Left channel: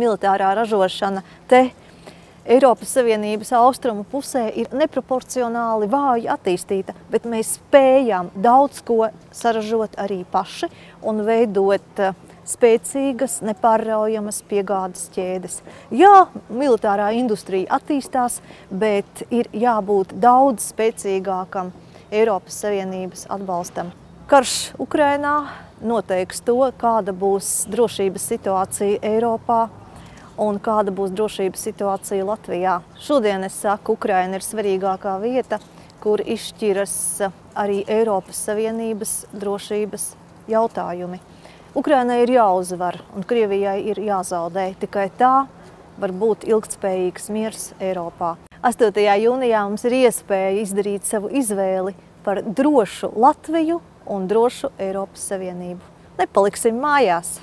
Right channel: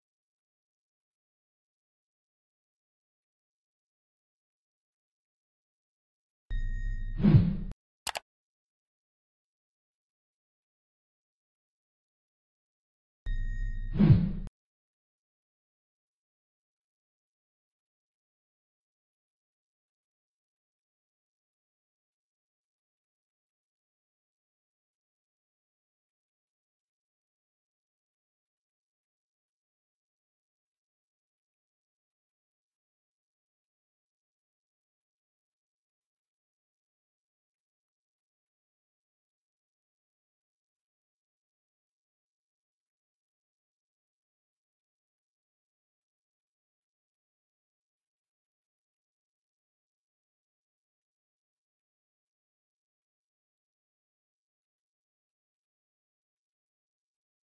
militārā ražošana te Eiropas Savienības austrumu pusē ir neproporcionāli vāji attīstīta, bet mēs spējam daudz ko saražot arī paši un veidot spēcīgas, nepārraujamas piegādes ķēdes. Jā, militārā industrija attīstās, bet ir jābūt daudz spēcīgākam Eiropas Savienības atbalstam. Karš Ukrainā noteiks to, kāda būs drošības situācija Eiropā un kāda būs drošības situācija Latvijā. Šodien es saku, Ukraina ir svarīgākā vieta, kur izšķiras arī Eiropas Savienības drošības jautājumi. Ukrainai ir jāuzvar un Krievijai ir jāzaudē. Tikai tā var būt ilgtspējīgs miers Eiropā. 8. jūnijā mums ir iespēja izdarīt savu izvēli par drošu Latviju un drošu Eiropas Savienību. Nepaliksim mājās!